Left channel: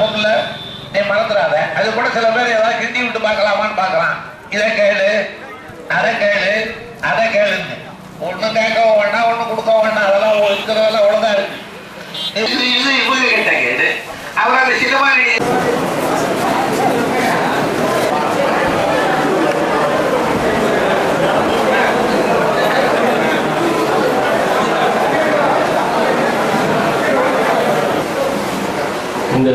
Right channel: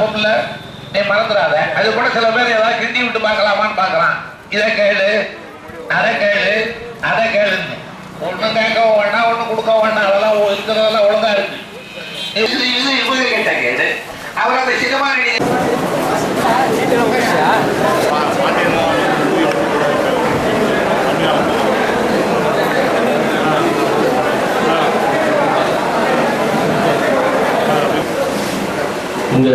பொருள் நீ மறந்துடாத. அது கூட சில பேர் ஏதாவது கிண்டி விட்டு பார்க்கலாமான்னு பார்க்கலாம். இதை கேளு, அதை கேளு, அதை கேளுன்னு ஒன்றும் கேட்கவும் வேண்டாம், ஒன்றும் கொடுக்க வேண்டாம். அதெல்லாம் இருக்கிறதெல்லாம் ஒழுங்கா இருக்கு. இது இவங்க கிட்ட கேளு. அவர் அந்த சினிமா இந்த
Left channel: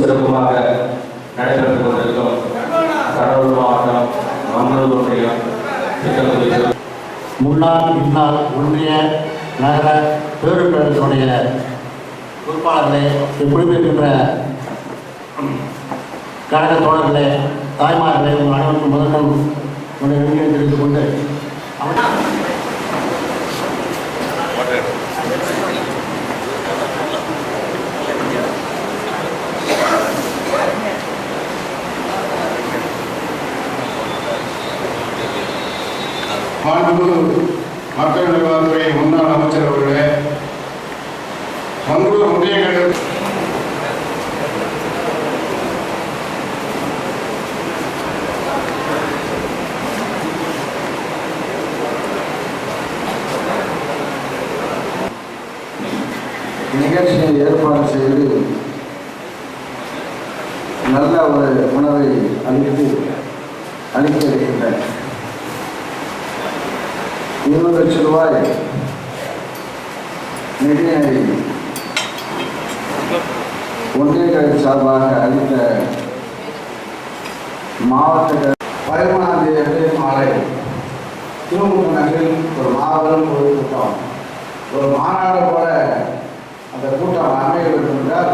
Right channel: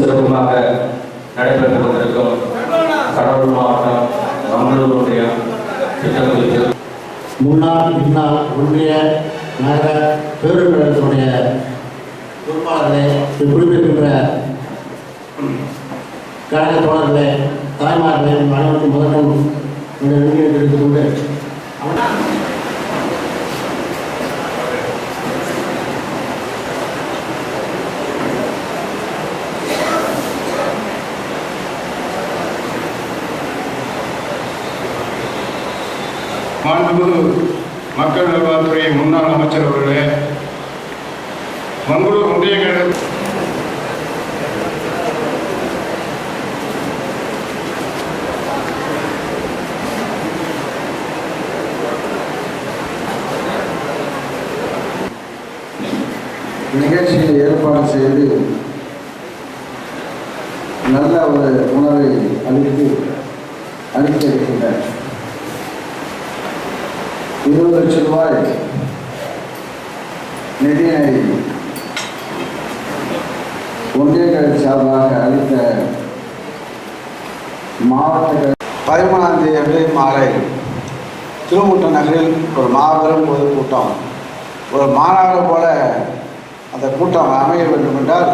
சிறப்புமாக நடைபெற்றுக் கொண்டிருக்கும் கடலூர் மாவட்டம் மங்களூர் ஒன்றியம் திட்டக்குழு முன்னாள் இந்நாள் ஒன்றிய நகர பேருடைய பொறுப்பாளர்களே, குடிபெறுகின்ற கழக தோழர்களே, தாய்மார்களே, உங்கள் அனைவருக்கும் முதலும் நன்றியை தெரிவித்துக் கொண்டு மாண்புமிகு மக்கள் நல்வாழ்வுத்துறை முன்னாள் அமைச்சர் அவர்களே, மங்களூர் ஒன்றிய நிகழ்ச்சியை ஏற்பாடு செய்து நல்ல ஒரு உணவை அளித்திருக்கின்றனர். 20 லட்சம் ரூபாய் நிதியை ஒன்றியங்கள் சார்பாக அளித்த மாவட்ட 13ஆம் தேதி மாலை திருமுட்ட நகரில் ஒரு மாபெரும் பொதுக்கூட்டம், ஒரு மாநாடு போல அந்த கூட்டம் அமைய வேண்டும் என்றால்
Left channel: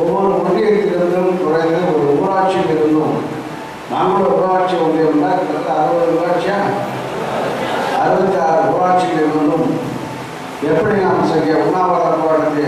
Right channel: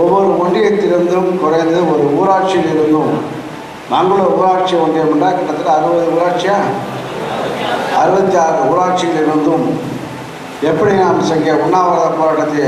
ஒவ்வொரு ஒன்றியத்திலிருந்தும் குறைந்து ஒரு ஊராட்சியிலிருந்தும், நாங்களும் ஊராட்சி ஒன்றியம் என்றால் கிட்டத்தட்ட 60 ஊராட்சியா 66 ஊராட்சிகளிலிருந்தும் எப்படி நாம் செய்ய உண்ணாவிரத போராட்டத்தை